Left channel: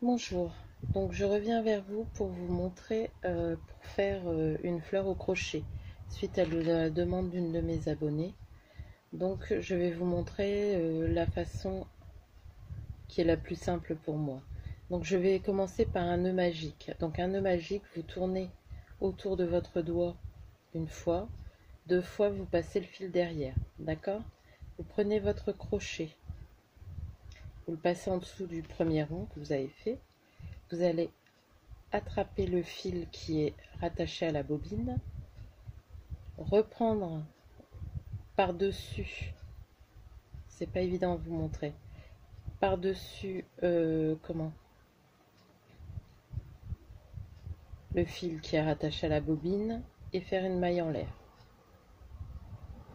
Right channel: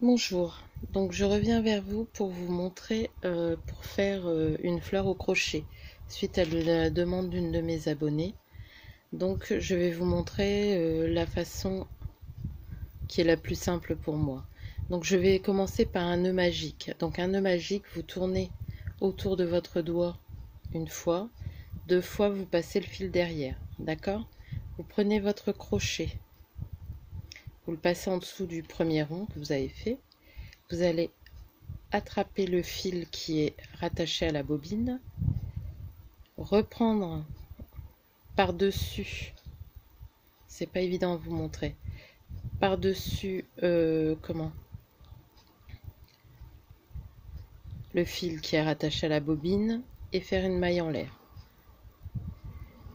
Bonjour, donc je reviens vers vous pour vous montrer, pour faire une fleur au crochet suite à la demande d'une de mes abonnées. Donc je vais vous montrer la façon qui est la plus simple pour moi. Donc je vais commencer par un nœud magique. Donc un nœud magique, vous tournez autour de votre doigt une fois, deux fois vous passez le fil derrière, d'accord? Vous prenez votre crochet, vous le passez en dessous du premier rond que vous avez fait, vous allez attraper le fil qui est rattaché à la bobine, reprendre par-dessus, c'est pas évident à vous montrer, par-dessus le fil qui est rattaché à la bobine et faire une maille en l'air.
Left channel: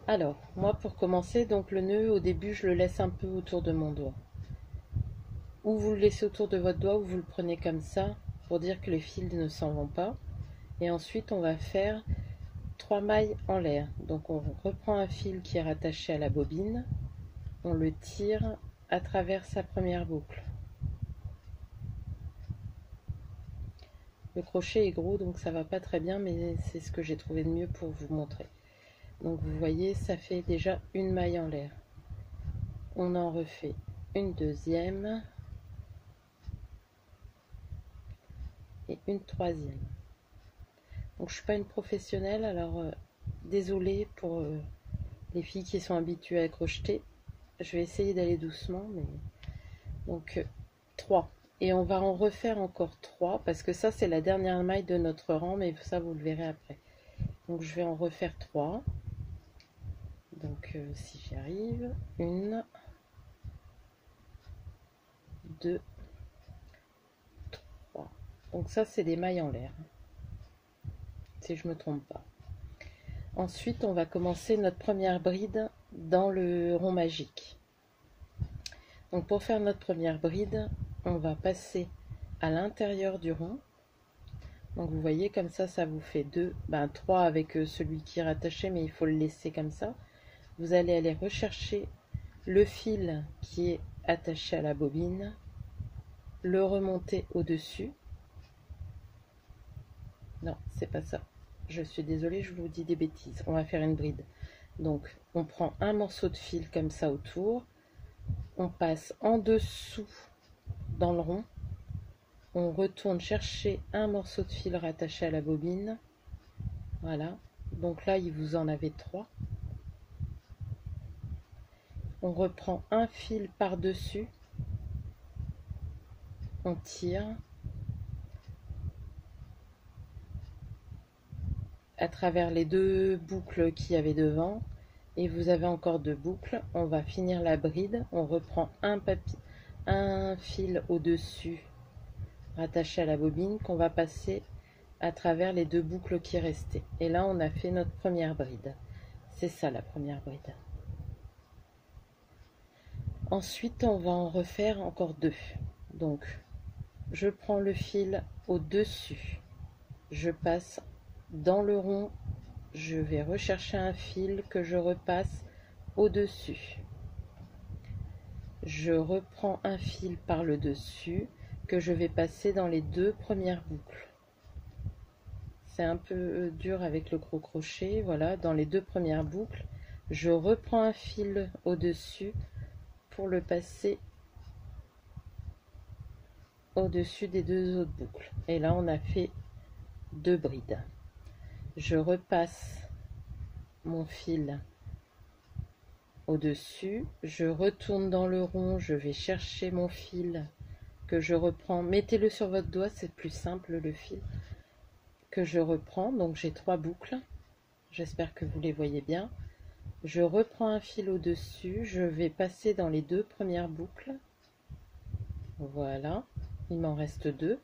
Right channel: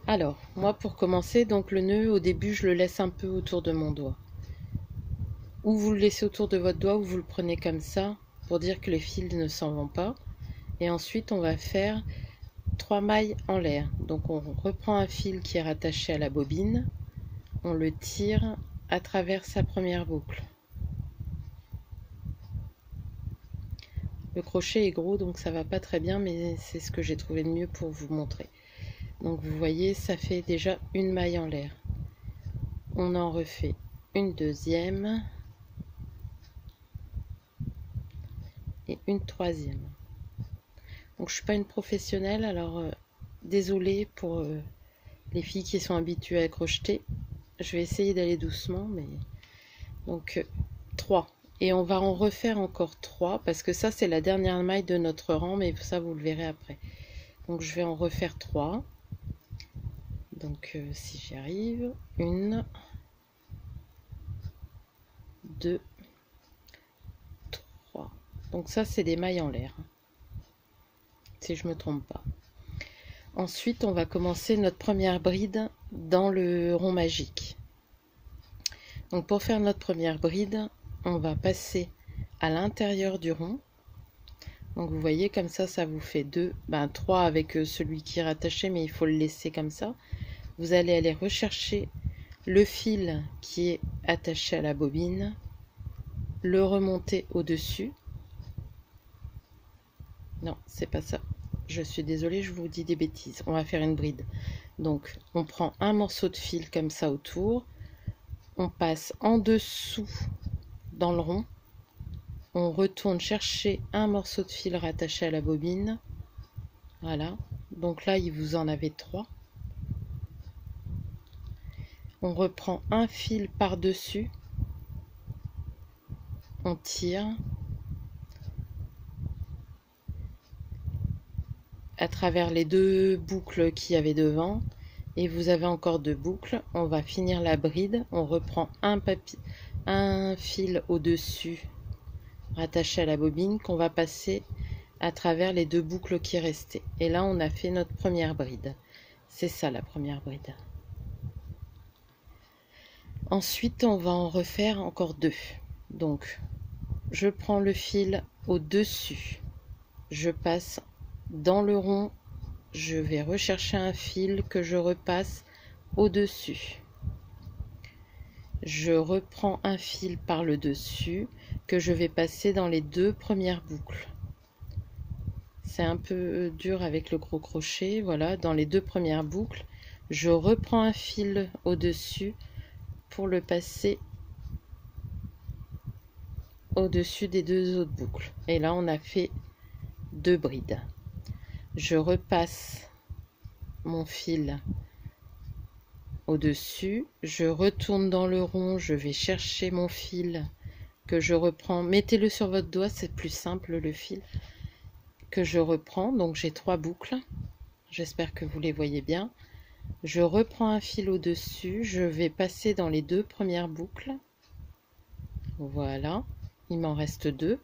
Alors, moi pour commencer, donc le nœud au début je le laisse un peu autour de mon doigt. Ou vous le laissez autour de votre doigt ou vous le prenez comme ça pour dire que les fils ne s'en vont pas. Et ensuite on va faire 3 mailles en l'air. Donc on reprend un fil qui est rattaché à la bobine, on le tire à travers sa première boucle. Le crochet est gros donc ça va pas très bien, mais c'est ce que j'ai trouvé de mieux pour vous montrer. Donc vous voyez, ça fait déjà une maille en l'air. On en refait une deuxième et une troisième. Donc je suis pas une professionnelle, alors désolée pour les filles qui sont habituées à crocheter. Je vais essayer d'aller doucement, mais donc 3. Et on va en refaire encore 3 parce que ça c'est la dernière maille de notre rang, mais ça vous le verrez après. Donc je vais en refaire 3. Donc si j'y arrive, 1, 2, 3. Donc ça c'est des mailles en l'air, si je me trompe pas. Ensuite on va commencer notre première bride dans le rond magique. Donc pour faire notre première bride, on va passer à l'intérieur du rond. Donc vous voyez comme ça vous fait 2, 3 avec celui qui est rattaché, mais il faut le laisser comme ça. Vous allez aller rechercher le fil qui est attaché à la bobine, le remonter au-dessus. Non, c'est pas ça. Je suis désolée, je vous dis des bêtises. On va faire une bride. Donc on prend un morceau de fil comme ça autour, on passe en dessous dans le rond, on retourne chercher un morceau de fil rattaché à la bobine. Voilà, donc là il vous en avait 3. On reprend un fil par dessus, on tire à travers les 2 boucles qu'il y avait devant et vous avez encore 2 boucles. On va finir la bride, on reprend un fil au dessus rattaché à la bobine qu'on va passer à travers les 2 boucles qui restaient, et là on a fait notre première bride. C'est ça la première bride. Ensuite on va en refaire encore 2. Donc je prends le fil au dessus, je passe dans le rond, je vais rechercher un fil que je repasse au dessus, je reprends un fil par le dessus que je vais passer dans les 2 premières boucles. C'est un peu dur avec le gros crochet. Voilà, dans les 2 premières boucles je reprends un fil au dessus pour le passer au dessus des 2 autres boucles, et là on a fait 2 brides. Je repasse mon fil au dessus, je retourne dans le rond, je vais chercher mon fil que je reprends, mettez-le sur votre doigt, c'est plus simple, le fil que je reprends. Donc j'ai 3 boucles, j'espère que vous les voyez bien. Je reprends un fil au dessus, je vais passer dans les 2 premières boucles. Voilà, il m'en reste 2.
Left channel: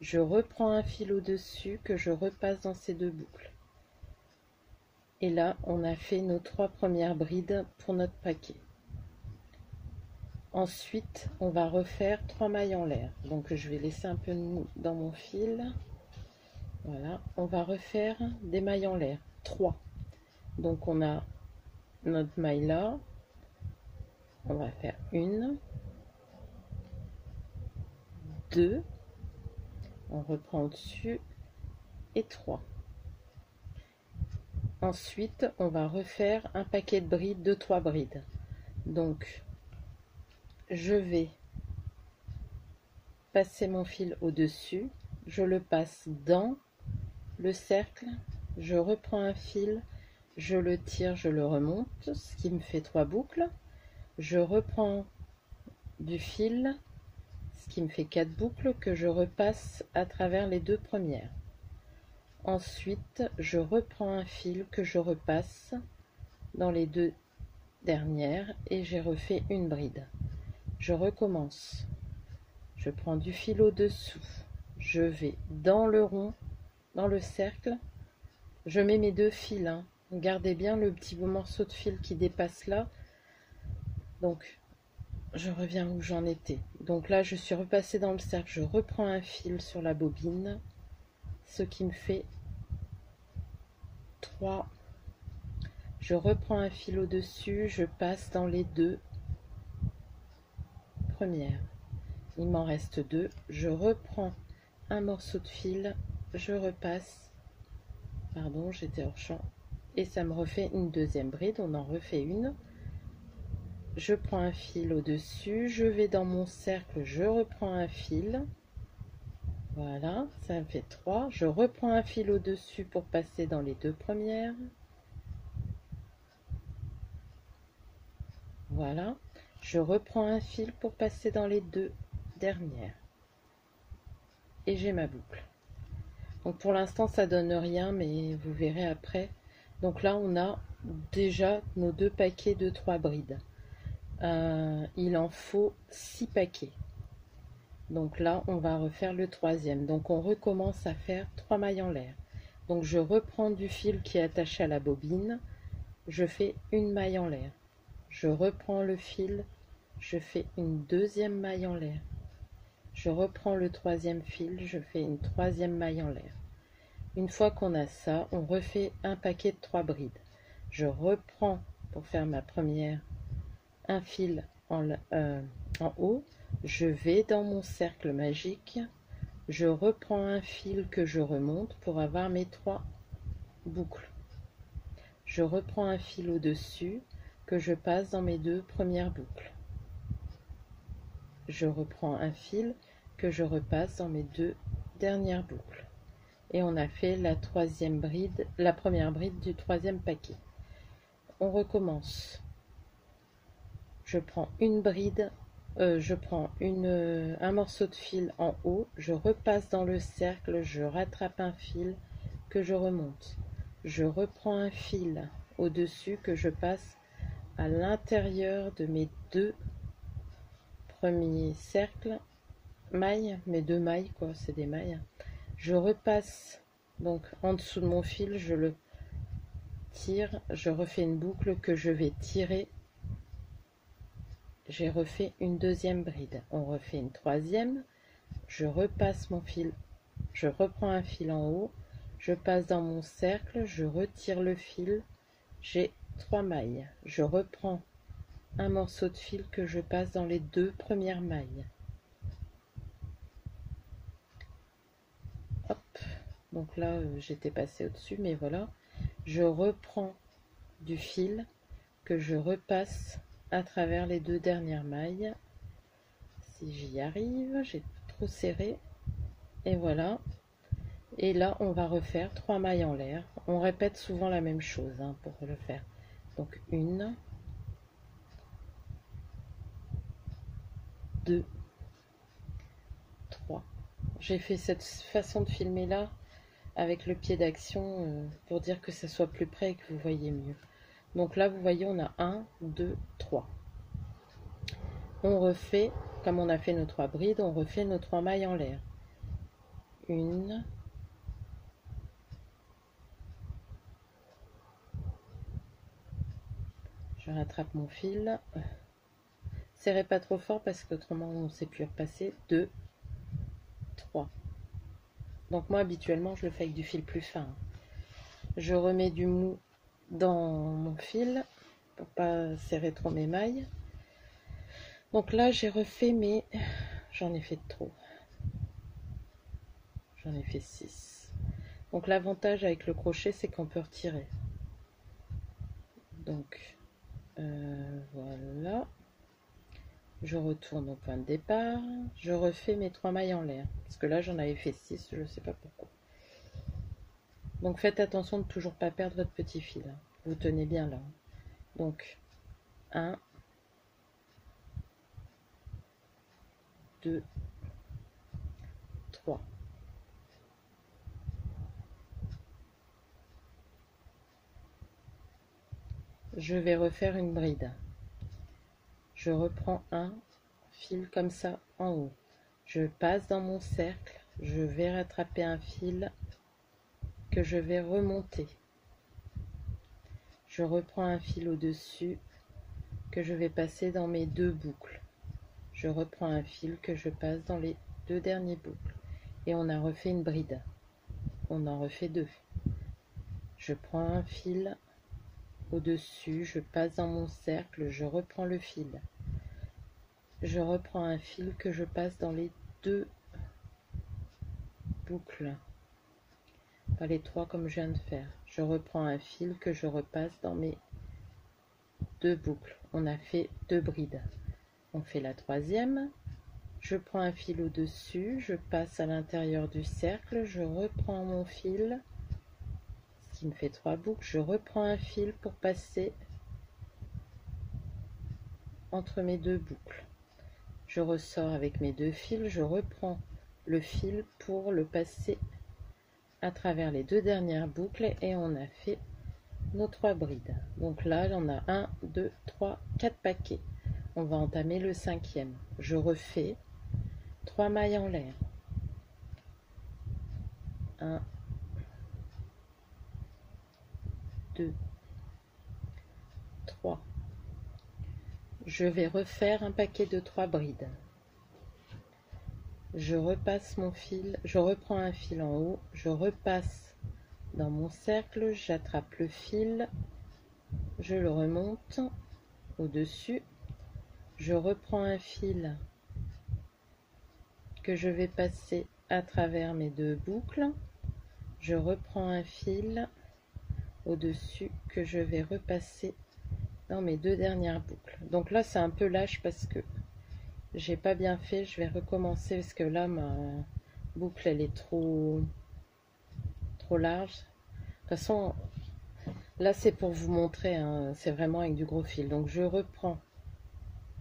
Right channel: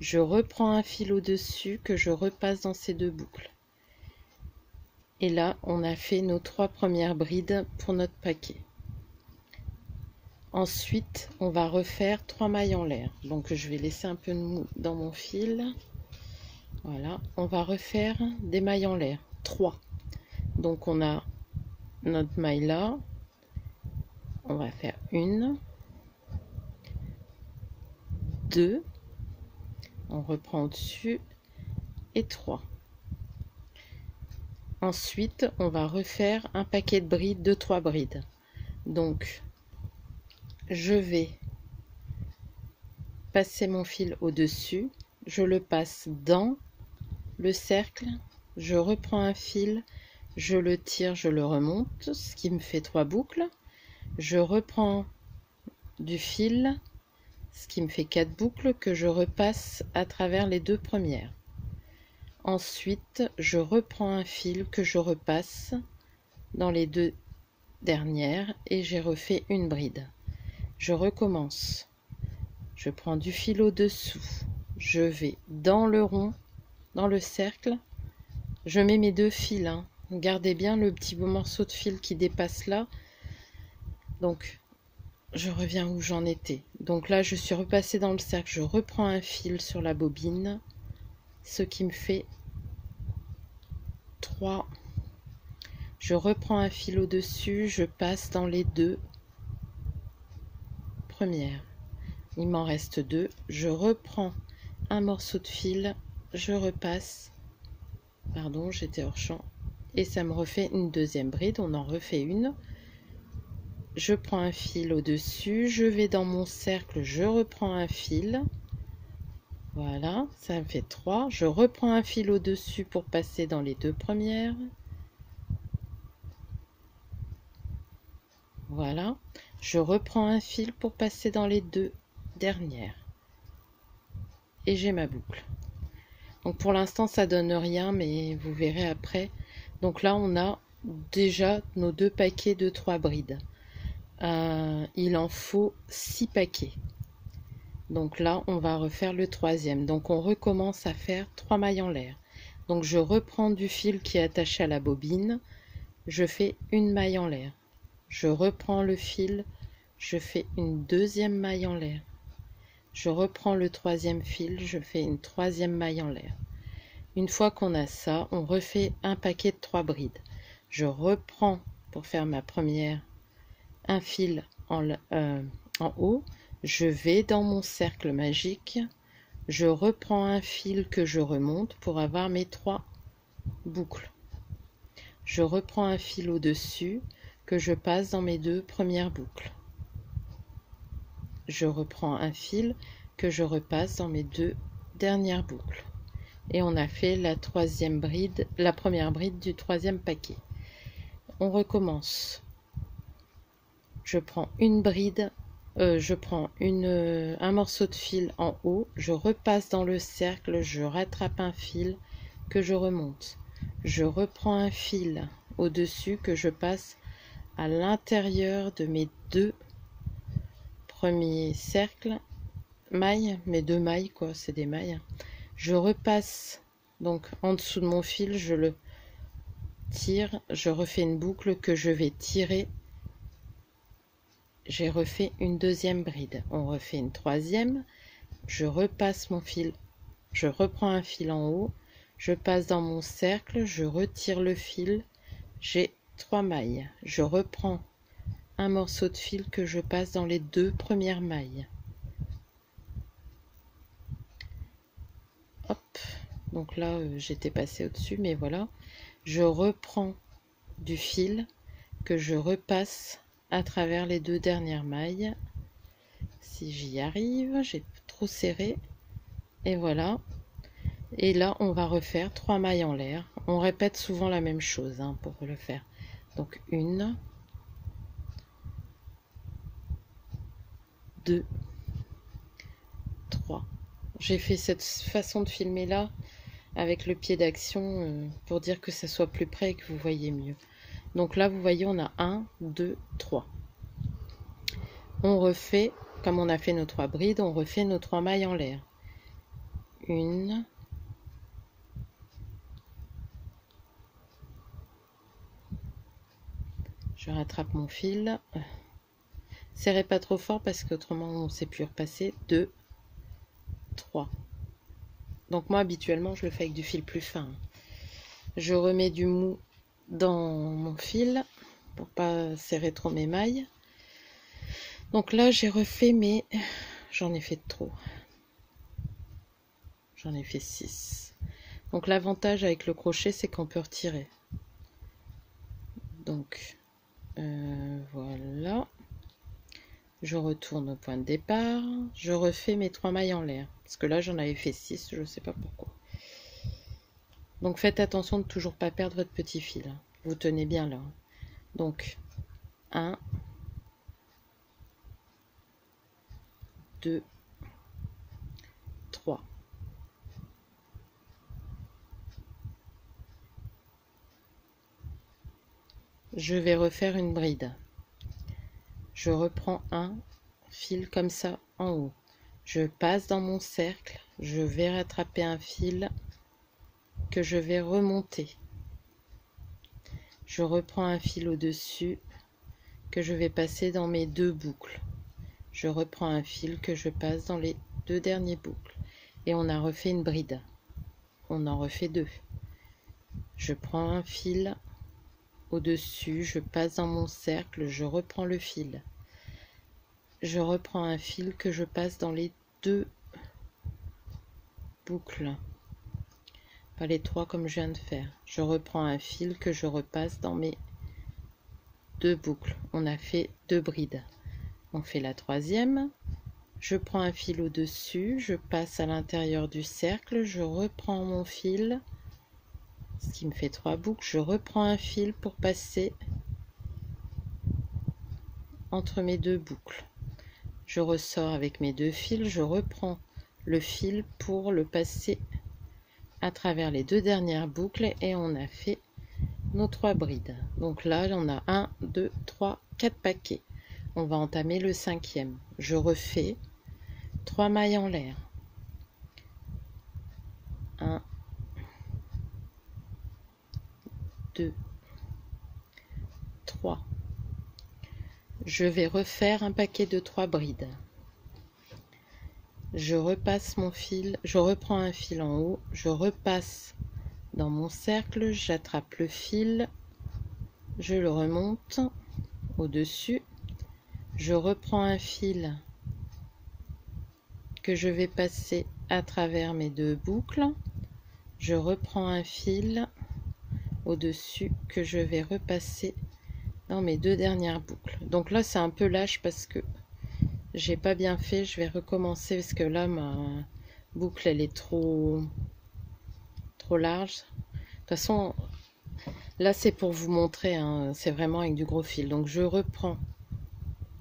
Je reprends un fil au dessus que je repasse dans ces 2 boucles, et là on a fait nos 3 premières brides pour notre paquet. Ensuite on va refaire 3 mailles en l'air, donc je vais laisser un peu dans mon fil. Voilà, on va refaire des mailles en l'air, 3. Donc on a notre maille là, on va faire 1, 2, on reprend au-dessus et 3. Ensuite, on va refaire un paquet de brides de 3 brides. Donc, je vais passer mon fil au-dessus, je le passe dans le cercle, je reprends un fil, je le tire, je le remonte, ce qui me fait 3 boucles. Je reprends du fil, ce qui me fait 4 boucles que je repasse à travers les 2 premières. Ensuite, je reprends un fil que je repasse dans les 2 dernières et j'ai refait une bride. Je recommence. Je prends du fil au-dessous, je vais dans le rond, dans le cercle, je mets mes 2 fils, hein. Gardez bien le petit beau morceau de fil qui dépasse là. Donc, je reviens où j'en étais. Donc là, je suis repassée dans le cercle, je reprends un fil sur la bobine, ce qui me fait 3. Je reprends un fil au-dessus, je passe dans les 2 premières. Il m'en reste 2. Je reprends un morceau de fil, je repasse. Pardon, j'étais hors champ. Et ça me refait une deuxième bride. On en refait une. Je prends un fil au-dessus, je vais dans mon cercle, je reprends un fil. Voilà, ça me fait 3. Je reprends un fil au-dessus pour passer dans les 2 premières. Voilà, je reprends un fil pour passer dans les 2 dernières. Et j'ai ma boucle. Donc pour l'instant ça donne rien, mais vous verrez après. Donc là on a déjà nos 2 paquets de 3 brides. Il en faut 6 paquets. Donc là on va refaire le 3e. Donc on recommence à faire 3 mailles en l'air. Donc je reprends du fil qui est attaché à la bobine, je fais une maille en l'air. Je reprends le fil, je fais une deuxième maille en l'air. Je reprends le 3e fil, je fais une 3e maille en l'air. Une fois qu'on a ça, on refait un paquet de 3 brides. Je reprends pour faire ma première un fil en haut, je vais dans mon cercle magique, je reprends un fil que je remonte pour avoir mes 3 boucles. Je reprends un fil au-dessus que je passe dans mes 2 premières boucles. Je reprends un fil que je repasse dans mes 2 dernières boucles. Et on a fait la 3e bride, la première bride du 3e paquet. On recommence. Je prends une bride, je prends un morceau de fil en haut, je repasse dans le cercle, je rattrape un fil que je remonte. Je reprends un fil au-dessus que je passe à l'intérieur de mes 2 premiers cercles, mailles, mes 2 mailles quoi, c'est des mailles. Je repasse donc en dessous de mon fil, je le tire, je refais une boucle que je vais tirer. J'ai refait une 2e bride, on refait une 3e, je repasse mon fil, je reprends un fil en haut, je passe dans mon cercle, je retire le fil, j'ai 3 mailles, je reprends un morceau de fil que je passe dans les 2 premières mailles. Hop, donc là j'étais passée au-dessus, mais voilà, je reprends du fil que je repasse à travers les 2 dernières mailles. Si j'y arrive, j'ai trop serré, et voilà. Et là on va refaire 3 mailles en l'air. On répète souvent la même chose hein, pour le faire. Donc 1, 2, 3. J'ai fait cette façon de filmer là avec le pied d'action pour dire que ça soit plus près et que vous voyez mieux. Donc là vous voyez on a 1, 2, 3. On refait, comme on a fait nos 3 brides, on refait nos 3 mailles en l'air. 1, je rattrape mon fil, serrez pas trop fort parce qu'autrement on ne sait plus repasser. 2, 3. Donc moi habituellement je le fais avec du fil plus fin. Je remets du mou dans mon fil pour pas serrer trop mes mailles. Donc là j'ai refait mes, j'en ai fait trop, j'en ai fait 6. Donc l'avantage avec le crochet, c'est qu'on peut retirer. Donc voilà, je retourne au point de départ, je refais mes 3 mailles en l'air, parce que là j'en avais fait 6, je ne sais pas pourquoi. Donc faites attention de toujours pas perdre votre petit fil, vous tenez bien là. Donc 1, 2, 3. Je vais refaire une bride. Je reprends un fil comme ça en haut. Je passe dans mon cercle, je vais rattraper un fil que je vais remonter. Je reprends un fil au-dessus que je vais passer dans mes 2 boucles. Je reprends un fil que je passe dans les 2 derniers boucles. Et on a refait une bride. On en refait 2. Je prends un fil au-dessus, je passe dans mon cercle, je reprends le fil. Je reprends un fil que je passe dans les 2 boucles. Pas les 3 comme je viens de faire. Je reprends un fil que je repasse dans mes 2 boucles. On a fait 2 brides. On fait la 3e. Je prends un fil au-dessus, je passe à l'intérieur du cercle, je reprends mon fil, ce qui me fait 3 boucles. Je reprends un fil pour passer entre mes 2 boucles. Je ressors avec mes 2 fils, je reprends le fil pour le passer à travers les 2 dernières boucles et on a fait nos 3 brides. Donc là, on a 1, 2, 3, 4 paquets. On va entamer le 5e. Je refais 3 mailles en l'air. 1, 2, 3. Je vais refaire un paquet de 3 brides. Je repasse mon fil, je reprends un fil en haut, je repasse dans mon cercle, j'attrape le fil, je le remonte au-dessus, je reprends un fil que je vais passer à travers mes 2 boucles, je reprends un fil au-dessus que je vais repasser dans mes 2 dernières boucles. Donc là c'est un peu lâche parce que j'ai pas bien fait, je vais recommencer parce que là ma boucle elle est trop large. De toute façon là c'est pour vous montrer, hein, c'est vraiment avec du gros fil. Donc je reprends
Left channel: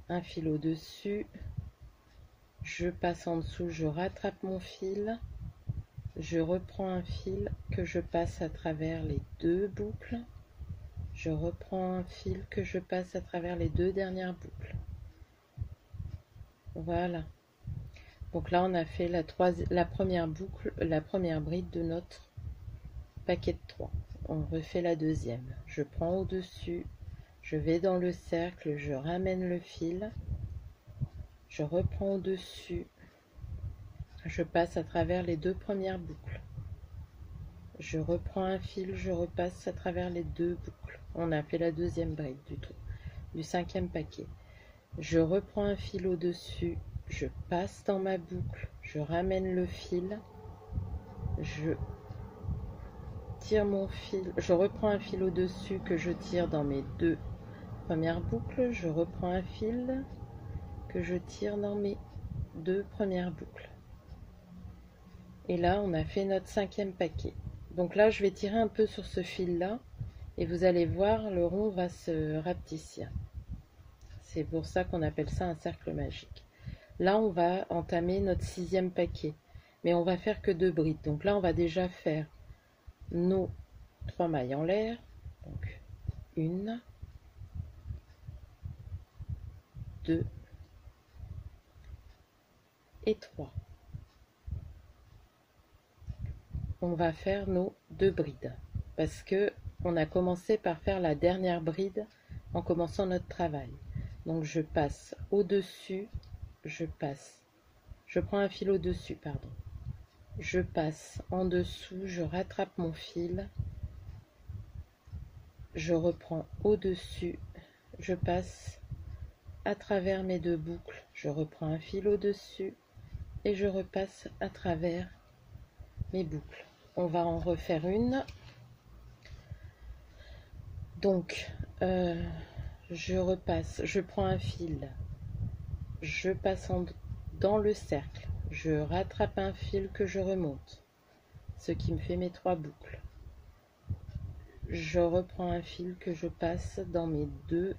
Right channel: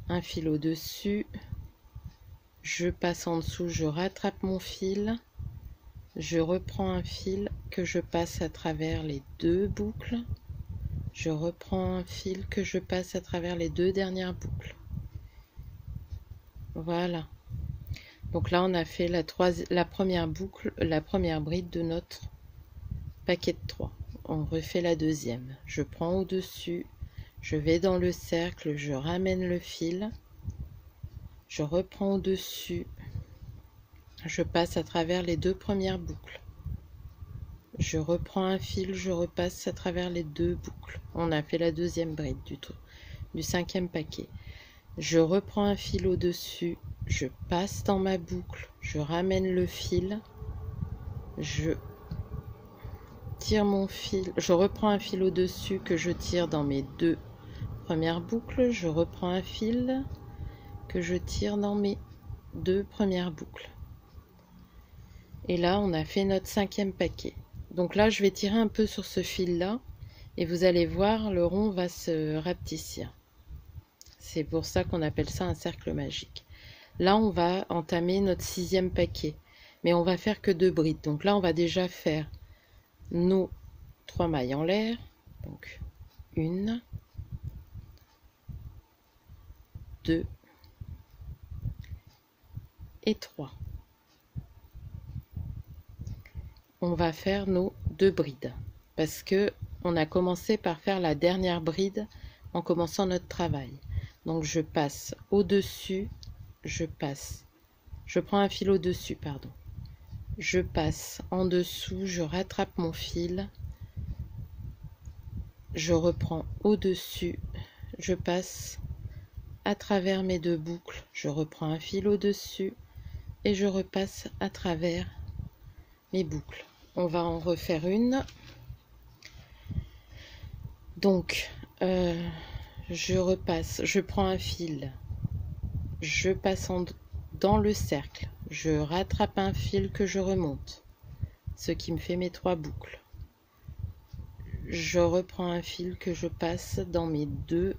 un fil au-dessus, je passe en dessous, je rattrape mon fil, je reprends un fil que je passe à travers les 2 boucles, je reprends un fil que je passe à travers les 2 dernières boucles. Voilà. Donc là on a fait la première boucle, la première bride de notre paquet de 3. On refait la deuxième. Je prends au-dessus, je vais dans le cercle, je ramène le fil, je reprends au-dessus, je passe à travers les 2 premières boucles. Je reprends un fil, je repasse à travers les 2 boucles. On a fait la deuxième bride du 5e paquet. Je reprends un fil au-dessus, je passe dans ma boucle, je ramène le fil, je tire mon fil, je reprends un fil au-dessus que je tire dans mes 2 premières boucles, je reprends un fil que je tire dans mes 2 premières boucles. Et là, on a fait notre 5e paquet. Donc là, je vais tirer un peu sur ce fil-là et vous allez voir, le rond va se rapetissir. C'est pour ça qu'on appelle ça un cercle magique. Là, on va entamer notre 6e paquet, mais on va faire que 2 brides. Donc là, on va déjà faire nos 3 mailles en l'air. Donc 1, 2 et 3. On va faire nos 2 brides parce que on a commencé par faire la dernière bride en commençant notre travail. Donc je passe au-dessus, je prends un fil au-dessus, pardon. Je passe en dessous, je rattrape mon fil, je reprends au-dessus, je passe à travers mes 2 boucles, je reprends un fil au-dessus et je repasse à travers mes boucles. On va en refaire une. Donc je prends un fil, je passe dans le cercle, je rattrape un fil que je remonte, ce qui me fait mes 3 boucles. Je reprends un fil que je passe dans mes 2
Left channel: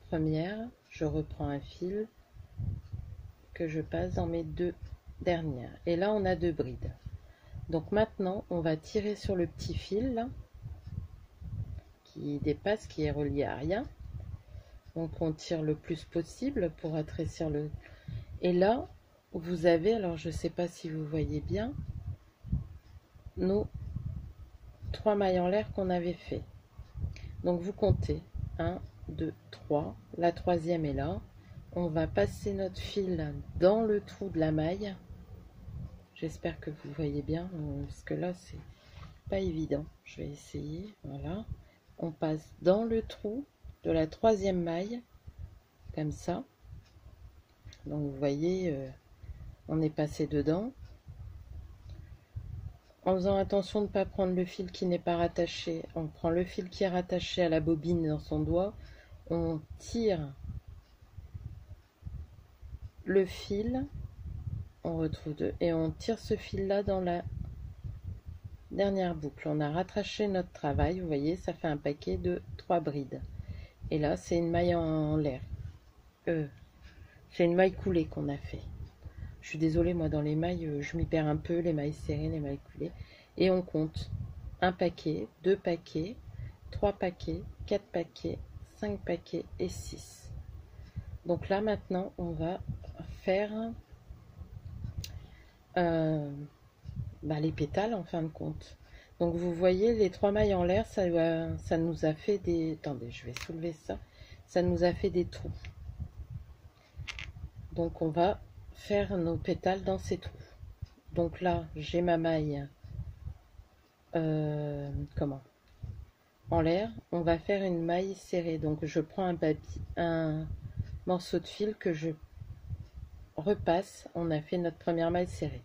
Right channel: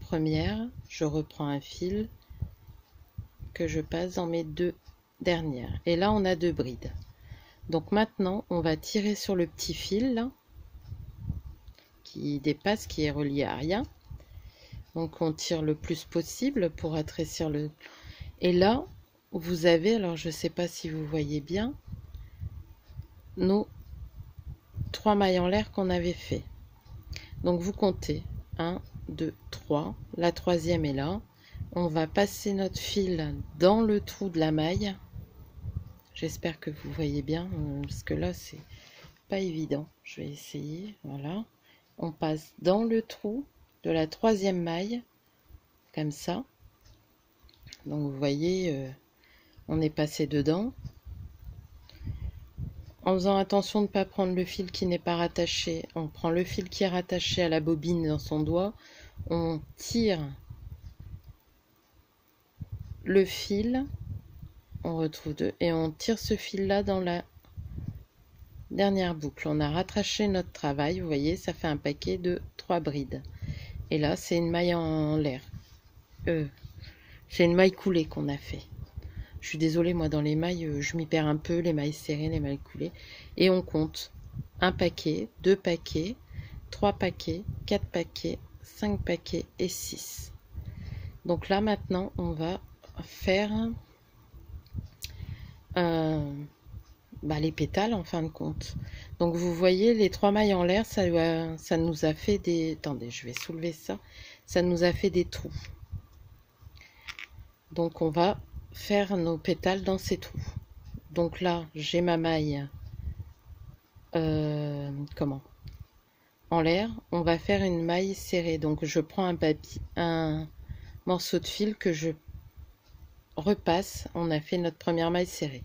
premières, je reprends un fil que je passe dans mes 2 dernières. Et là, on a 2 brides. Donc maintenant, on va tirer sur le petit fil là, qui dépasse, qui est relié à rien. Donc on tire le plus possible pour rétrécir le... Et là, vous avez, alors je ne sais pas si vous voyez bien, nos 3 mailles en l'air qu'on avait fait. Donc vous comptez 1, 2, 3. La 3e est là. On va passer notre fil dans le trou de la maille. J'espère que vous voyez bien, parce que là, c'est pas évident. Je vais essayer. Voilà. On passe dans le trou de la 3e maille, comme ça. Donc vous voyez, on est passé dedans. En faisant attention de ne pas prendre le fil qui n'est pas rattaché. On prend le fil qui est rattaché à la bobine dans son doigt. On tire le fil, on retrouve 2, et on tire ce fil là dans la dernière boucle. On a rattaché notre travail, vous voyez, ça fait un paquet de 3 brides. Et là, c'est une maille en l'air. C'est une maille coulée qu'on a fait. Je suis désolée, moi, dans les mailles, je m'y perds un peu, les mailles serrées, les mailles coulées. Et on compte 1 paquet, 2 paquets, 3 paquets, 4 paquets, 5 paquets et 6. Donc là, maintenant, on va faire les pétales en fin de compte. Donc vous voyez, les 3 mailles en l'air, ça nous a fait des... Attendez, je vais soulever ça. Ça nous a fait des trous. Donc on va faire nos pétales dans ces trous. Donc là, j'ai ma maille en l'air. On va faire une maille serrée. Donc je prends un morceau de fil que je repasse. On a fait notre première maille serrée.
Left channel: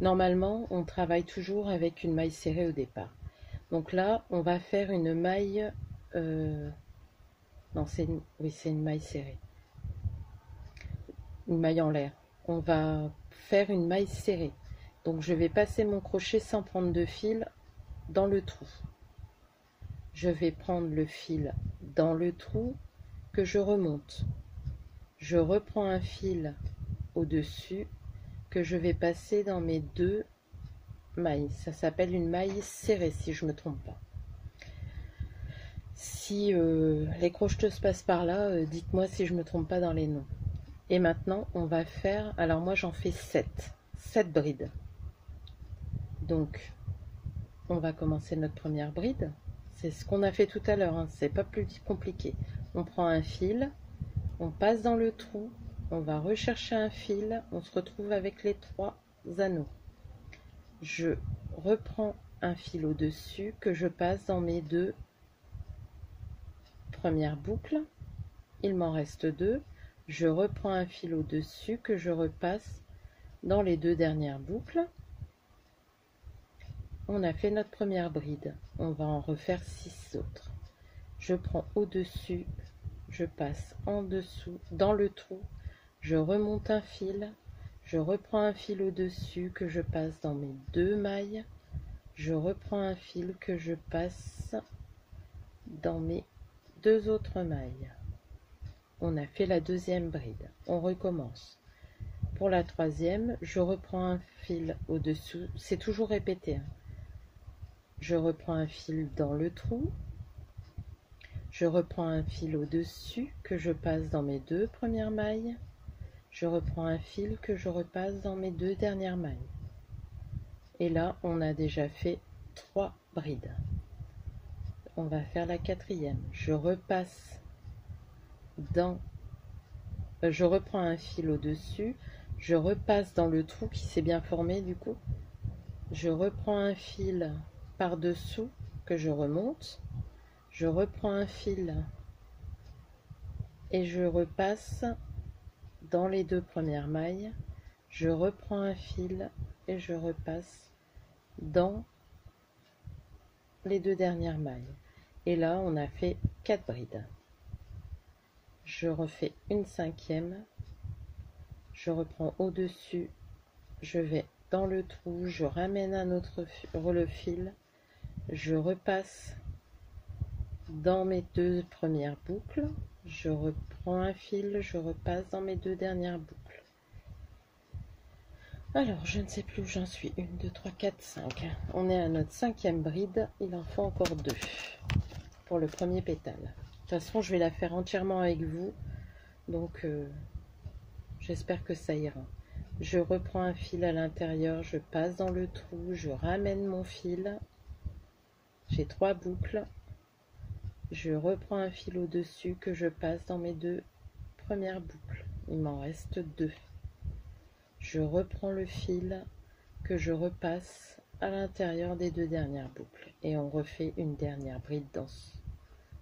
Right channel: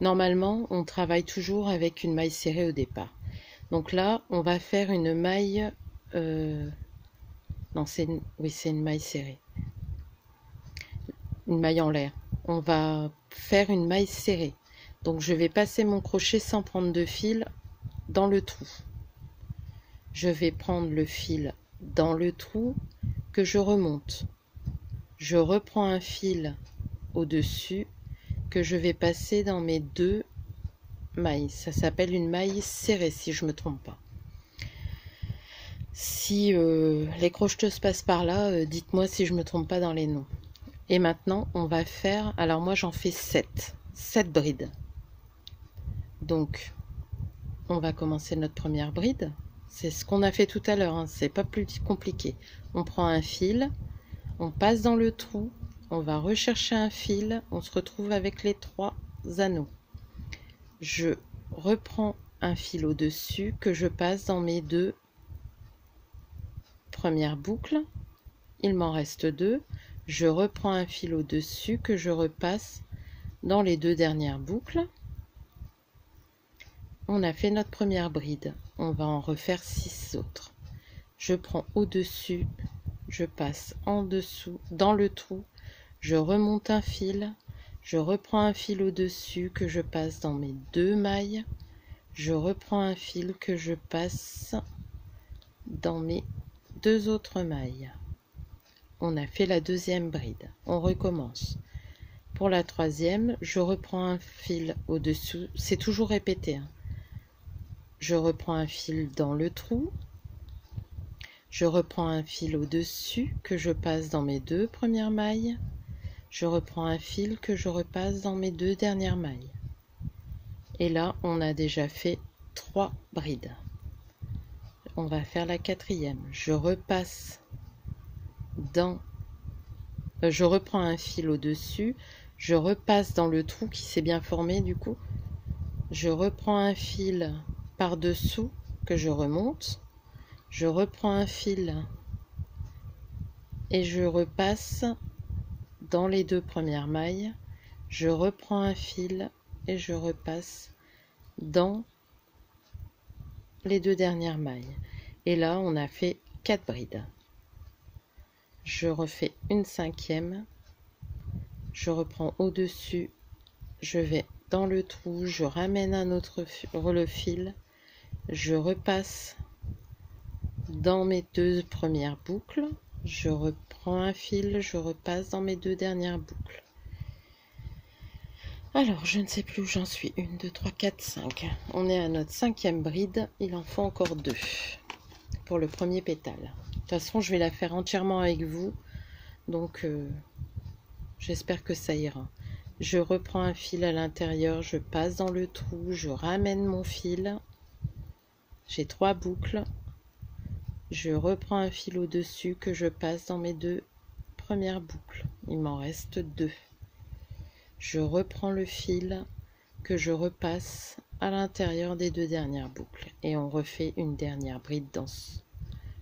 Normalement, on travaille toujours avec une maille serrée au départ. Donc là, on va faire une maille... non, c'est une maille serrée. Une maille en l'air. On va faire une maille serrée. Donc je vais passer mon crochet sans prendre de fil dans le trou. Je vais prendre le fil dans le trou que je remonte. Je reprends un fil au-dessus que je vais passer dans mes 2 mailles. Ça s'appelle une maille serrée si je ne me trompe pas. Si les crocheteuses passent par là, dites-moi si je ne me trompe pas dans les noms. Et maintenant, on va faire... Alors moi, j'en fais 7 brides. Donc, on va commencer notre première bride. C'est ce qu'on a fait tout à l'heure, hein. C'est pas plus compliqué. On prend un fil, on passe dans le trou, on va rechercher un fil, on se retrouve avec les 3 anneaux. Je reprends un fil au-dessus que je passe dans mes 2 premières boucles. Il m'en reste 2. Je reprends un fil au-dessus que je repasse dans les 2 dernières boucles. On a fait notre première bride. On va en refaire 6 autres. Je prends au-dessus, je passe en dessous, dans le trou, je remonte un fil, je reprends un fil au-dessus que je passe dans mes 2 mailles, je reprends un fil que je passe dans mes 2 autres mailles. On a fait la 2e bride. On recommence. Pour la 3e, je reprends un fil au-dessous. C'est toujours répété, hein. Je reprends un fil dans le trou. Je reprends un fil au-dessus que je passe dans mes 2 premières mailles. Je reprends un fil que je repasse dans mes 2 dernières mailles. Et là, on a déjà fait 3 brides. On va faire la 4e. Je repasse dans... je reprends un fil au-dessus. Je repasse dans le trou qui s'est bien formé du coup. Je reprends un fil par-dessous que je remonte. Je reprends un fil et je repasse dans les 2 premières mailles. Je reprends un fil et je repasse dans les 2 dernières mailles. Et là on a fait 4 brides. Je refais une 5e, je reprends au-dessus, je vais dans le trou, je ramène un autre le fil, je repasse dans mes 2 premières boucles, je reprends un fil, je repasse dans mes 2 dernières boucles. Alors, je ne sais plus où j'en suis. 1, 2, 3, 4, 5. On est à notre 5e bride. Il en faut encore 2 pour le premier pétale. De toute façon, je vais la faire entièrement avec vous. Donc, j'espère que ça ira. Je reprends un fil à l'intérieur. Je passe dans le trou. Je ramène mon fil. J'ai 3 boucles. Je reprends un fil au-dessus que je passe dans mes 2 premières boucles. Il m'en reste 2. Je reprends le fil que je repasse à l'intérieur des 2 dernières boucles et on refait une dernière bride dans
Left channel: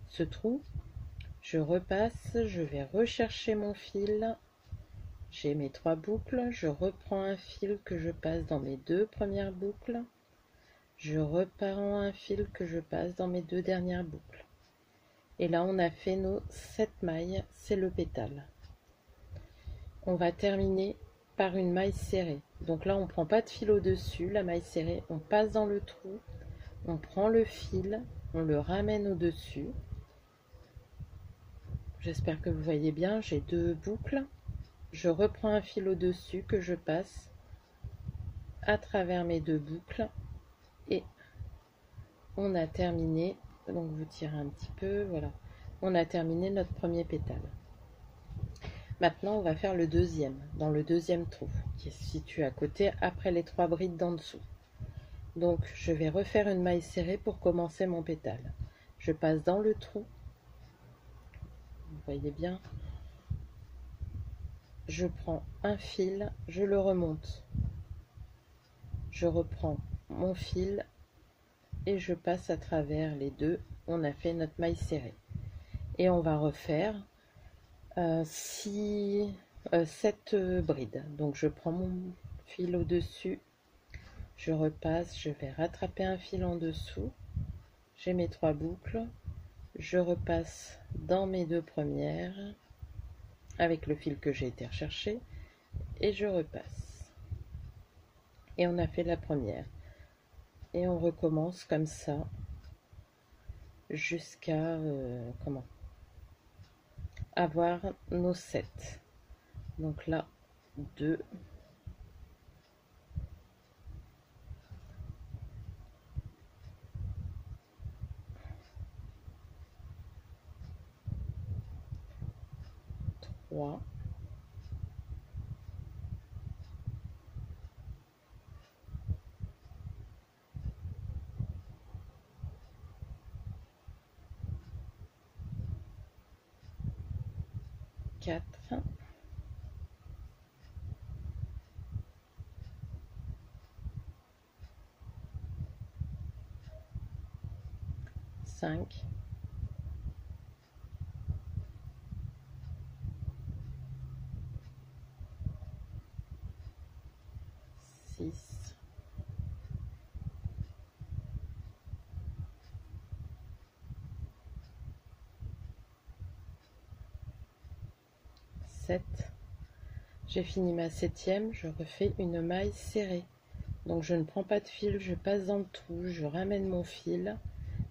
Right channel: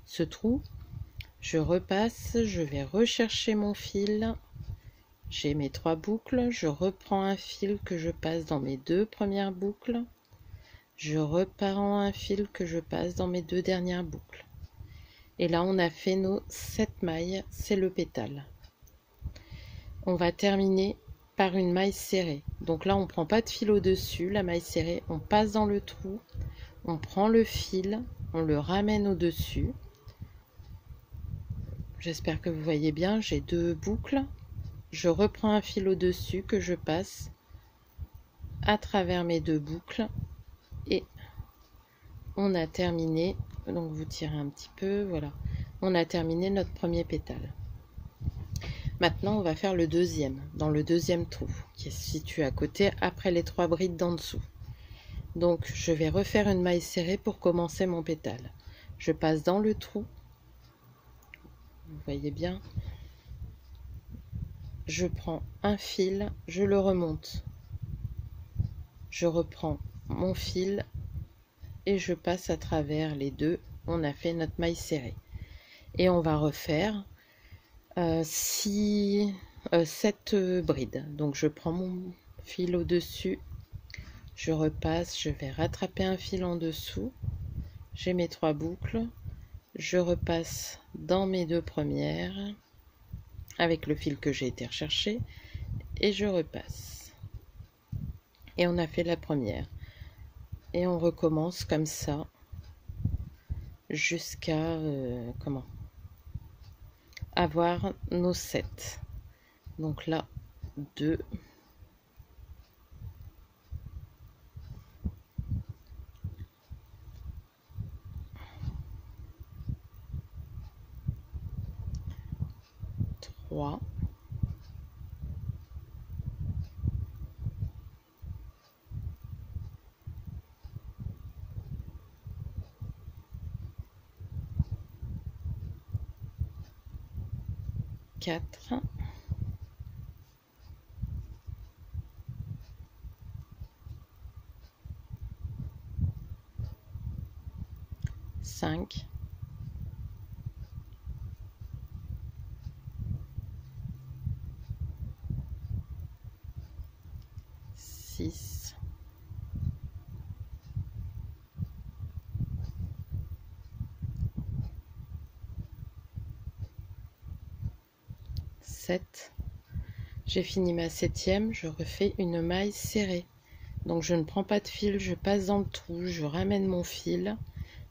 ce trou. Je repasse, je vais rechercher mon fil, j'ai mes 3 boucles, je reprends un fil que je passe dans mes 2 premières boucles, je reprends un fil que je passe dans mes 2 dernières boucles et là on a fait nos 7 mailles, c'est le pétale. On va terminer par une maille serrée. Donc là on prend pas de fil au dessus, la maille serrée, on passe dans le trou, on prend le fil, on le ramène au dessus. J'espère que vous voyez bien, j'ai 2 boucles, je reprends un fil au dessus que je passe à travers mes 2 boucles et on a terminé. Donc vous tirez un petit peu, voilà, on a terminé notre premier pétale. Maintenant, on va faire le deuxième, dans le deuxième trou, qui est situé à côté, après les 3 brides d'en dessous. Donc, je vais refaire une maille serrée pour commencer mon pétale. Je passe dans le trou, vous voyez bien. Je prends un fil, je le remonte. Je reprends mon fil et je passe à travers les 2. On a fait notre maille serrée. Et on va refaire 7 brides. Donc je prends mon fil au-dessus, je repasse, je vais rattraper un fil en dessous, j'ai mes 3 boucles, je repasse dans mes 2 premières avec le fil que j'ai été rechercher et je repasse. Et on a fait la première. Et on recommence comme ça jusqu'à avoir nos 7. Donc là, 2, 3, 4, 5, 6, 7. J'ai fini ma 7e, je refais une maille serrée. Donc je ne prends pas de fil, je passe dans le trou, je ramène mon fil,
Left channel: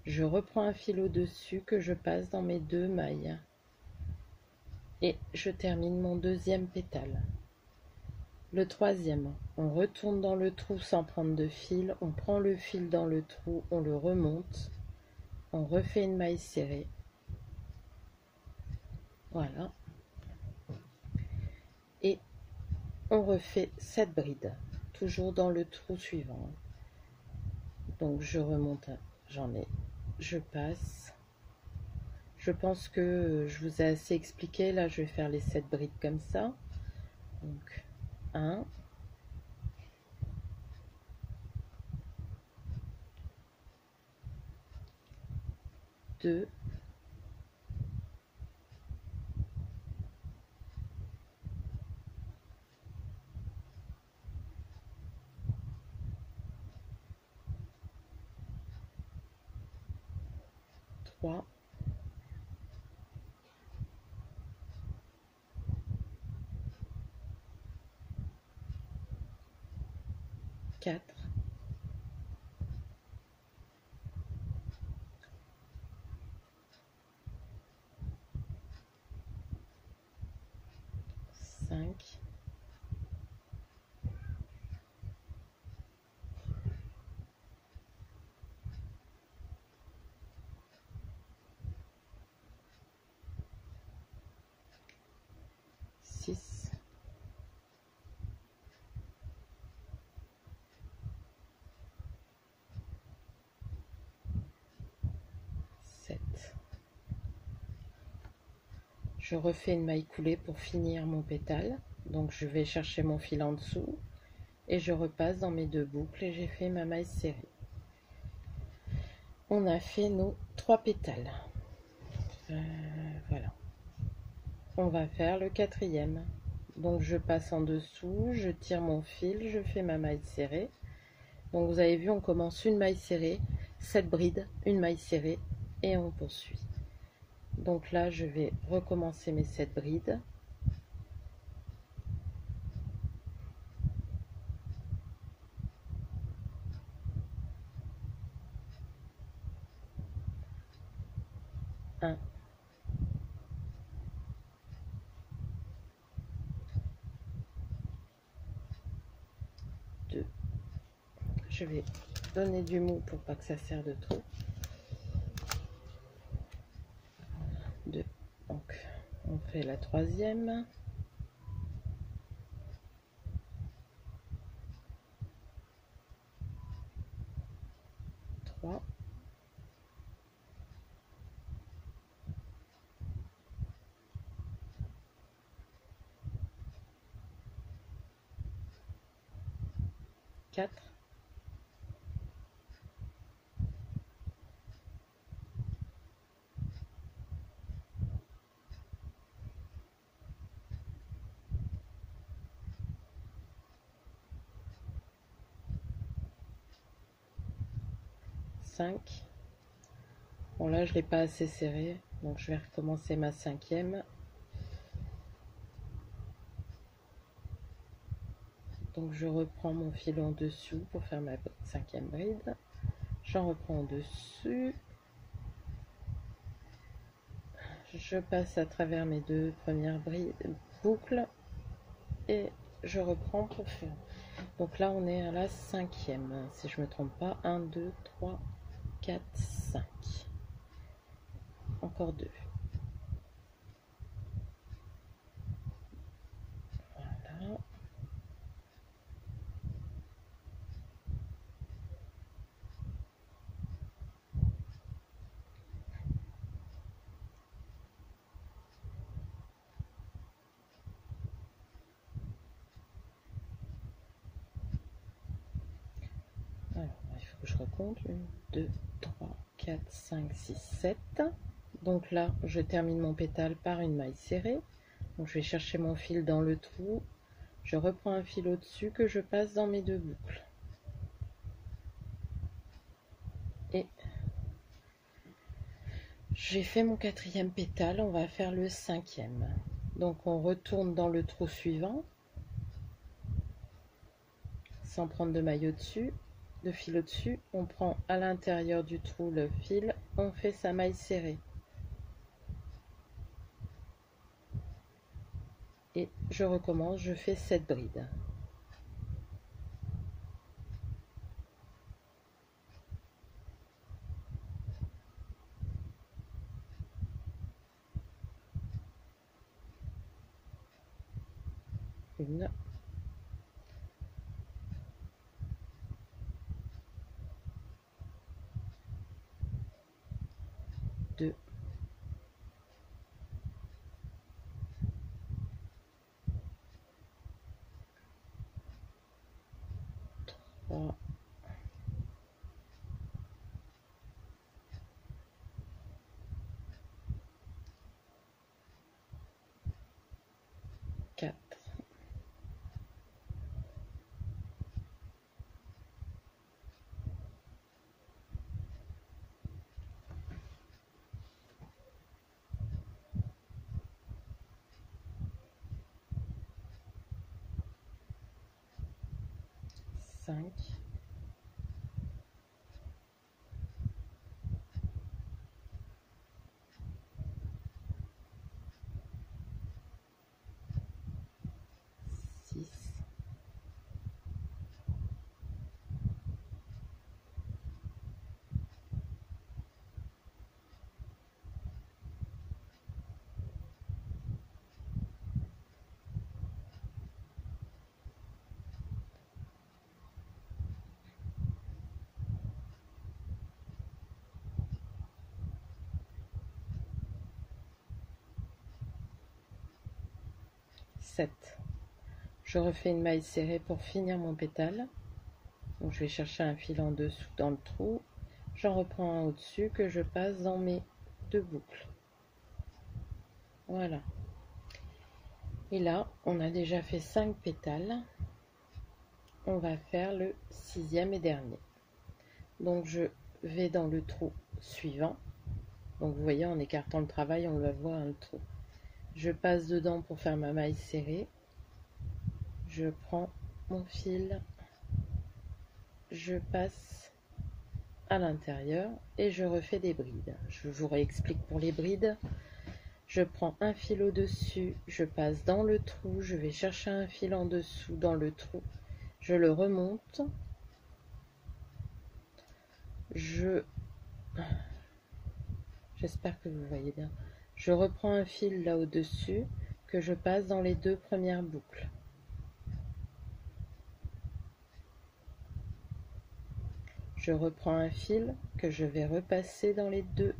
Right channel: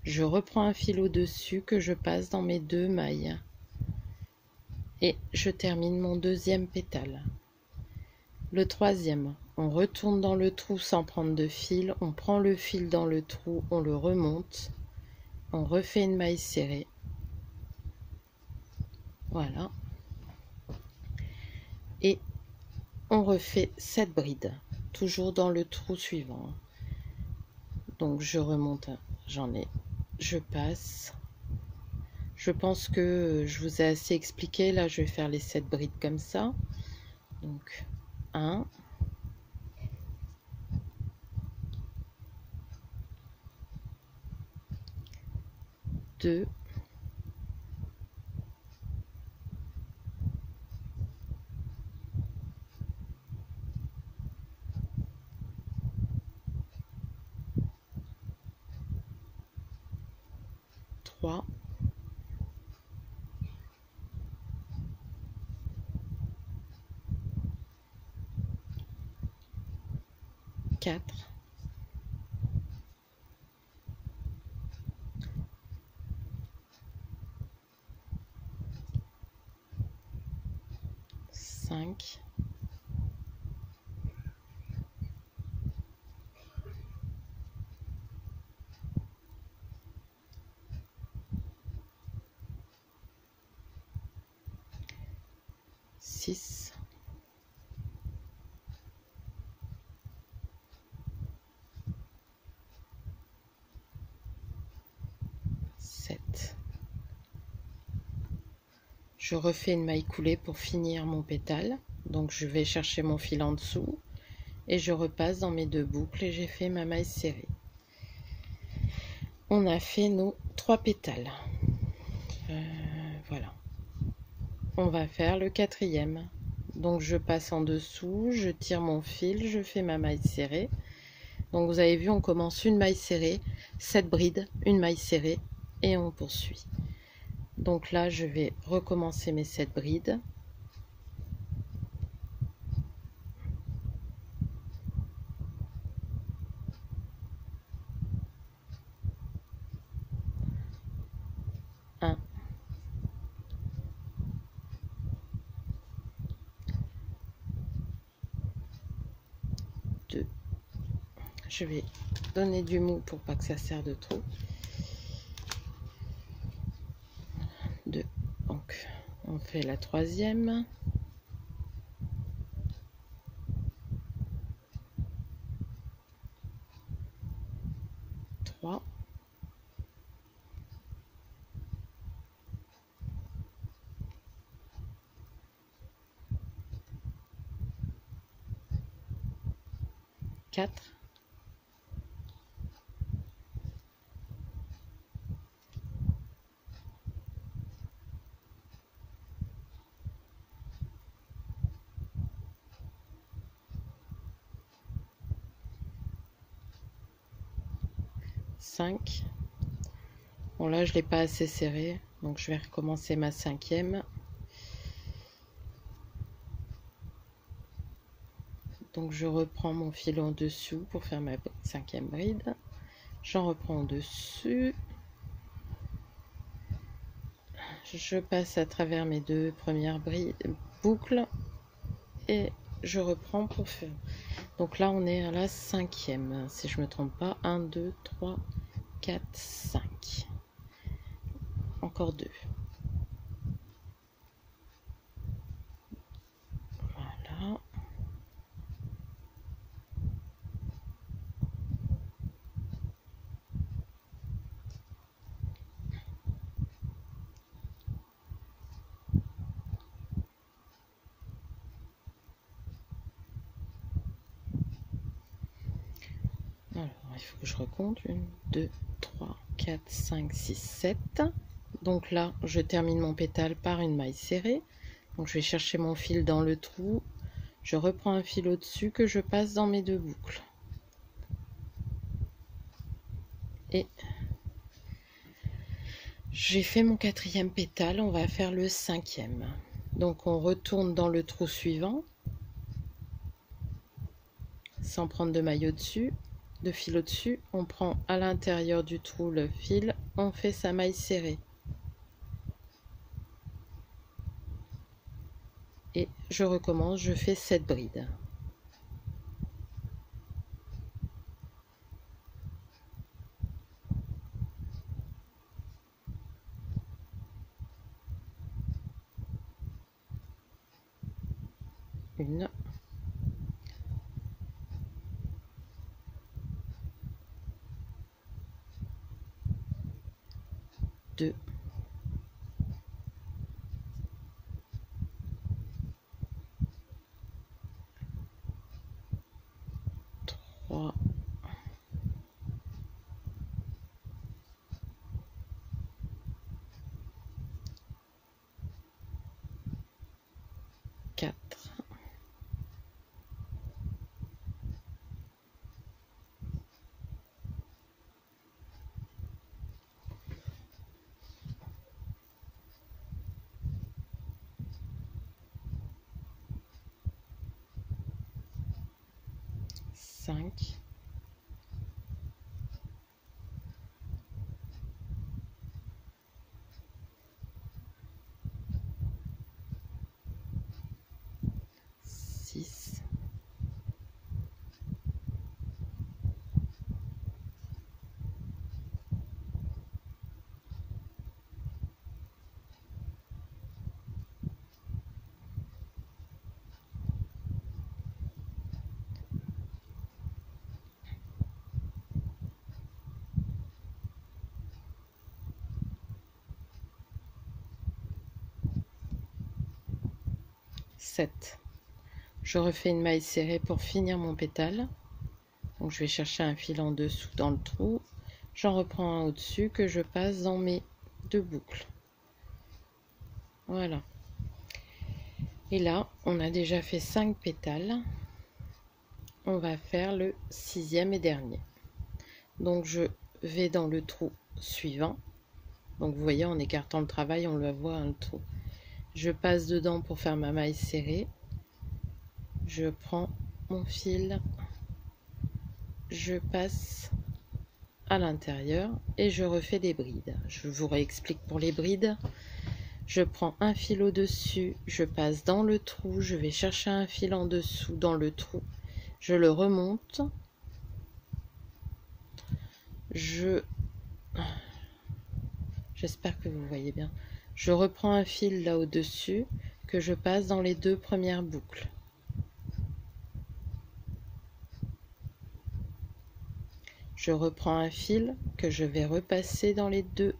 je reprends un fil au-dessus que je passe dans mes 2 mailles. Et je termine mon deuxième pétale. Le troisième, on retourne dans le trou sans prendre de fil, on prend le fil dans le trou, on le remonte, on refait une maille serrée. Voilà. Et on refait 7 brides, toujours dans le trou suivant. Donc je remonte, j'en ai, je passe. Je pense que je vous ai assez expliqué. Là, je vais faire les 7 brides comme ça. Donc, 1, 2, 3, 3, 4, 5, 6, 7. Je refais une maille coulée pour finir mon pétale. Donc je vais chercher mon fil en dessous et je repasse dans mes 2 boucles et j'ai fait ma maille serrée. On a fait nos 3 pétales. Voilà. On va faire le 4e. Donc je passe en dessous, je tire mon fil, je fais ma maille serrée. Donc vous avez vu, on commence une maille serrée, 7 brides, une maille serrée et on poursuit. Donc là, je vais recommencer mes 7 brides. Un, 2. Je vais donner du mou pour pas que ça serre de trop. 2. Donc, on fait la 3e. 3. 4. 5. Bon là je l'ai pas assez serré, donc je vais recommencer ma 5e. Donc je reprends mon fil en dessous pour faire ma 5e bride. J'en reprends en dessus. Je passe à travers mes 2 premières boucles et je reprends pour faire. Donc là on est à la 5e, si je me trompe pas. 1, 2, 3, 4, 5. Encore 2. Voilà. Alors, il faut que je recompte. 1, 2, 3, 4, 5, 6, 7. Donc là, je termine mon pétale par une maille serrée. Donc je vais chercher mon fil dans le trou. Je reprends un fil au-dessus que je passe dans mes 2 boucles. Et j'ai fait mon 4e pétale, on va faire le 5e. Donc on retourne dans le trou suivant, sans prendre de maille au-dessus, de fil au-dessus. On prend à l'intérieur du trou le fil, on fait sa maille serrée. Et je recommence, je fais 7 brides. Une, 2, 3, 4, 5, 5, 6, 7. Je refais une maille serrée pour finir mon pétale. Donc je vais chercher un fil en dessous dans le trou. J'en reprends un au-dessus que je passe dans mes 2 boucles. Voilà. Et là, on a déjà fait 5 pétales. On va faire le 6e et dernier. Donc je vais dans le trou suivant. Donc vous voyez, en écartant le travail, on le voit le trou. Je passe dedans pour faire ma maille serrée. Je prends mon fil, je passe à l'intérieur et je refais des brides. Je vous réexplique pour les brides. Je prends un fil au-dessus, je passe dans le trou, je vais chercher un fil en dessous dans le trou, je le remonte, j'espère que vous voyez bien, je reprends un fil là au-dessus que je passe dans les 2 premières boucles. Je reprends un fil que je vais repasser dans les 2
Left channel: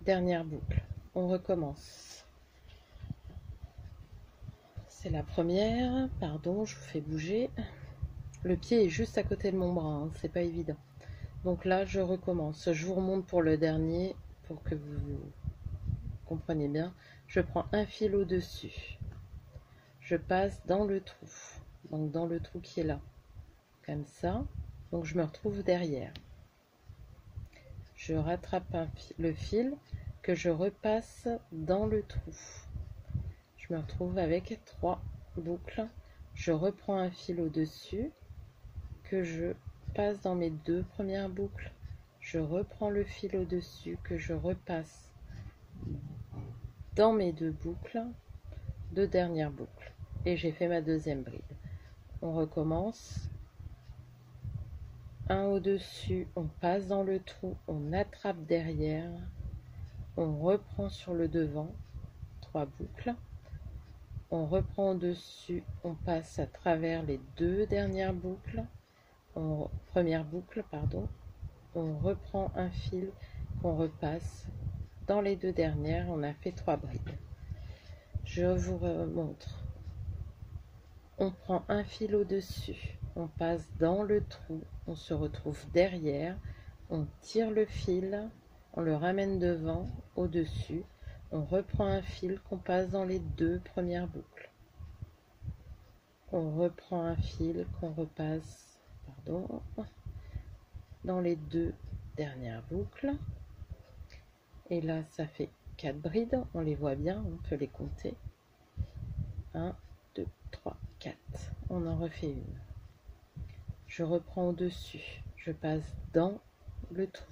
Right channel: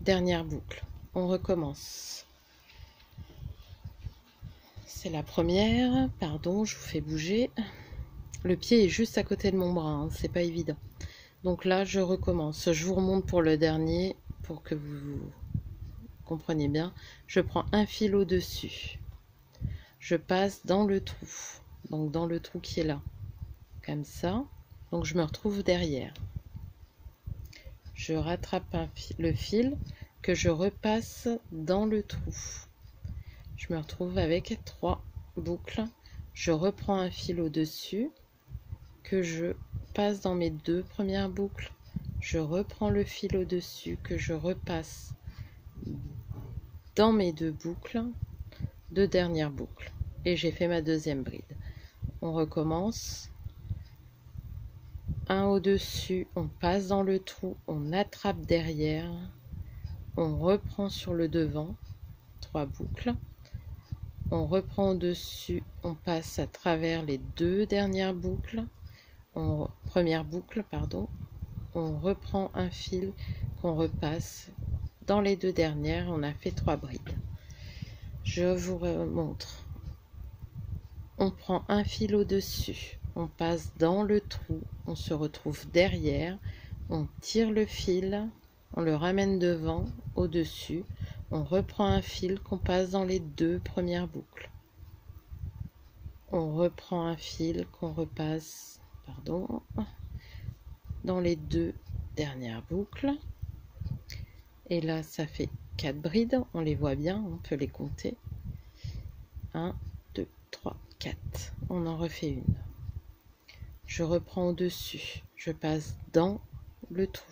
dernières boucles. On recommence. C'est la première, pardon, je vous fais bouger. Le pied est juste à côté de mon bras, hein, c'est pas évident. Donc là, je recommence. Je vous remonte pour le dernier pour que vous compreniez bien. Je prends un fil au-dessus. Je passe dans le trou. Donc dans le trou qui est là. Comme ça. Donc je me retrouve derrière. Je rattrape le fil que je repasse dans le trou. Je me retrouve avec 3 boucles. Je reprends un fil au-dessus que je passe dans mes 2 premières boucles. Je reprends le fil au-dessus que je repasse dans mes 2 boucles, 2 dernières boucles. Et j'ai fait ma 2e bride. On recommence. Un au-dessus, on passe dans le trou, on attrape derrière, on reprend sur le devant, 3 boucles. On reprend au-dessus, on passe à travers les 2 dernières boucles, première boucle, pardon. On reprend un fil qu'on repasse dans les 2 dernières, on a fait 3 brides. Je vous montre. On prend un fil au-dessus, on passe dans le trou, on se retrouve derrière, on tire le fil, on le ramène devant, au-dessus, on reprend un fil qu'on passe dans les 2 premières boucles. On reprend un fil qu'on repasse, pardon, dans les 2 dernières boucles. Et là, ça fait 4 brides, on les voit bien, on peut les compter. 1, 2, 3, 4. On en refait une. Je reprends au-dessus, je passe dans le trou.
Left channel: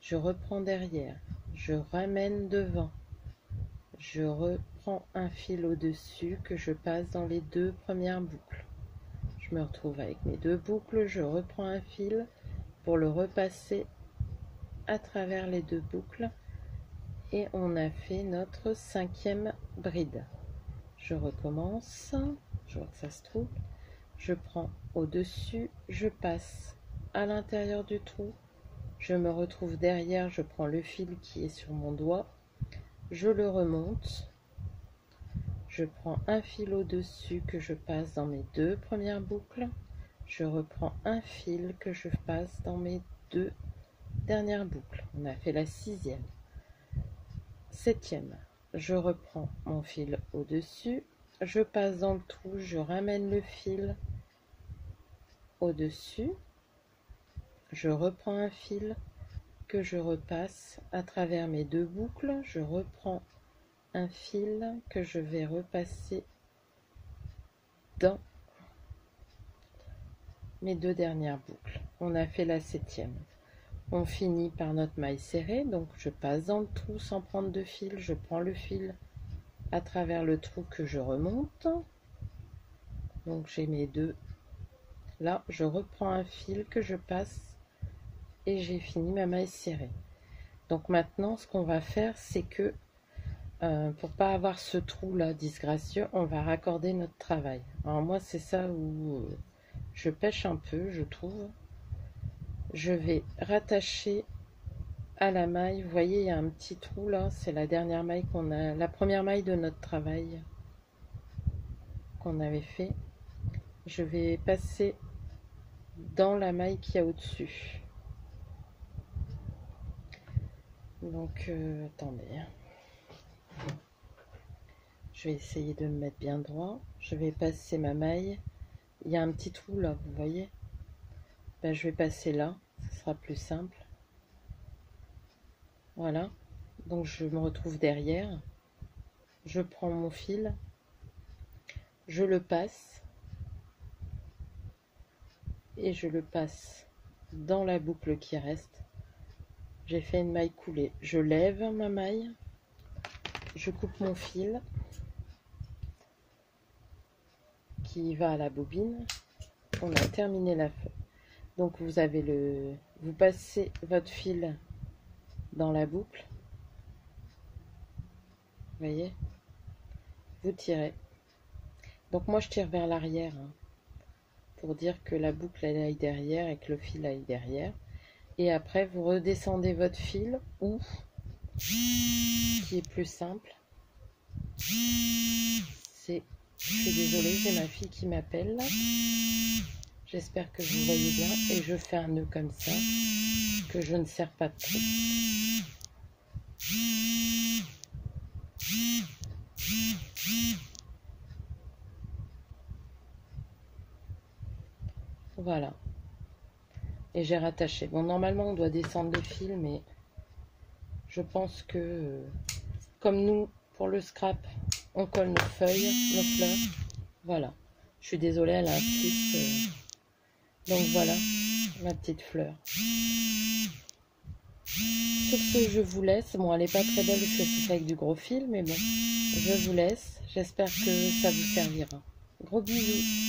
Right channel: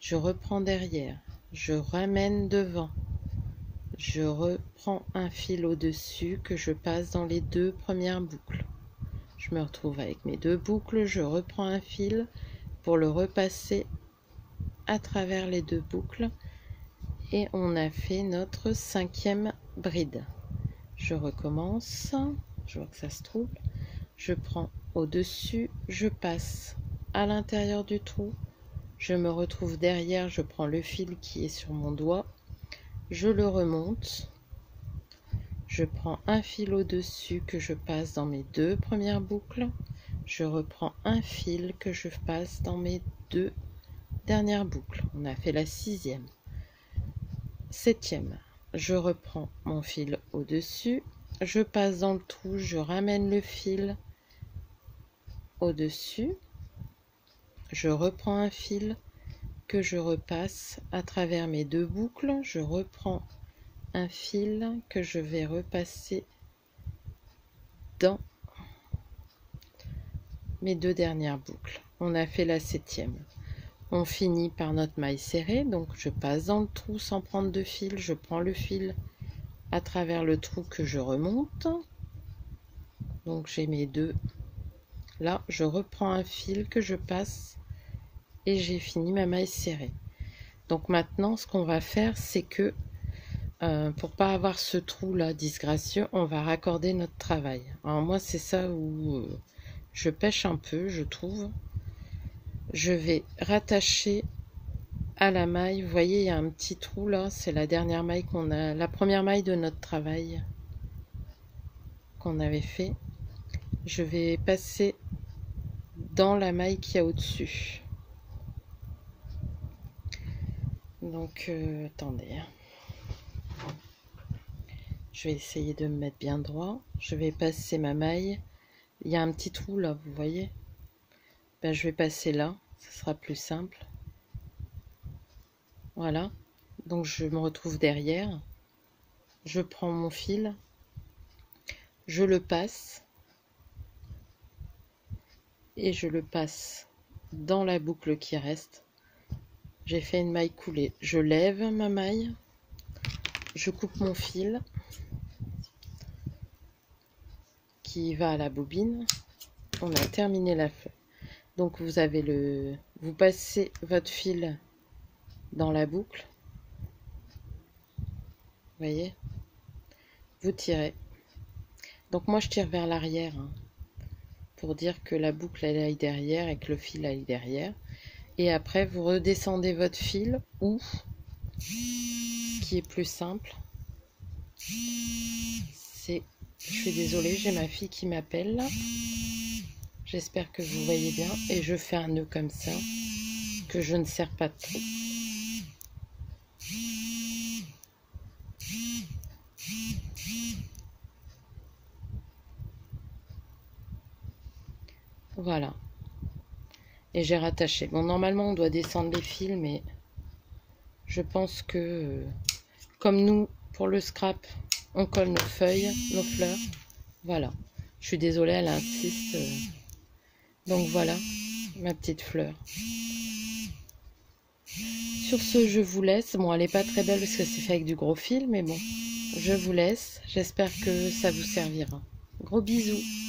Je reprends derrière, je ramène devant. Je reprends un fil au-dessus que je passe dans les 2 premières boucles. Je me retrouve avec mes 2 boucles, je reprends un fil pour le repasser à travers les 2 boucles et on a fait notre 5e bride. Je recommence, je vois que ça se trouve, je prends au-dessus, je passe à l'intérieur du trou, je me retrouve derrière, je prends le fil qui est sur mon doigt, je le remonte, je prends un fil au-dessus que je passe dans mes 2 premières boucles, je reprends un fil que je passe dans mes 2 dernières boucles. On a fait la 6e. 7e, je reprends mon fil au-dessus, je passe dans le trou, je ramène le fil au-dessus, je reprends un fil que je repasse à travers mes 2 boucles, je reprends un fil que je vais repasser dans mes 2 dernières boucles. On a fait la 7e. On finit par notre maille serrée, donc je passe dans le trou sans prendre de fil. Je prends le fil à travers le trou que je remonte. Donc j'ai mes 2. Là, je reprends un fil que je passe et j'ai fini ma maille serrée. Donc maintenant, ce qu'on va faire, c'est que pour pas avoir ce trou là disgracieux, on va raccorder notre travail. Alors moi, c'est ça où je pêche un peu, je trouve. Je vais rattacher à la maille. Vous voyez, il y a un petit trou là, c'est la dernière maille qu'on a, la première maille de notre travail qu'on avait fait. Je vais passer dans la maille qu'il y a au-dessus. Donc attendez, je vais essayer de me mettre bien droit. Je vais passer ma maille. Il y a un petit trou là, vous voyez. Ben, je vais passer là, ce sera plus simple. Voilà, donc je me retrouve derrière. Je prends mon fil, je le passe et je le passe dans la boucle qui reste. J'ai fait une maille coulée. Je lève ma maille, je coupe mon fil qui va à la bobine. On a terminé la fleur. Donc vous avez vous passez votre fil dans la boucle. Vous voyez, vous tirez. Donc moi je tire vers l'arrière hein, pour dire que la boucle elle aille derrière et que le fil aille derrière. Et après vous redescendez votre fil ou qui est plus simple, c'est, je suis désolée, j'ai ma fille qui m'appelle. J'espère que vous voyez bien. Et je fais un nœud comme ça, que je ne serre pas de trou. Voilà. Et j'ai rattaché. Bon, normalement, on doit descendre les fils, mais je pense que, comme nous, pour le scrap, on colle nos feuilles, nos fleurs. Voilà. Je suis désolée, elle insiste. Donc voilà, ma petite fleur. Sur ce, je vous laisse. Bon, elle n'est pas très belle parce que c'est fait avec du gros fil, mais bon, je vous laisse. J'espère que ça vous servira. Gros bisous.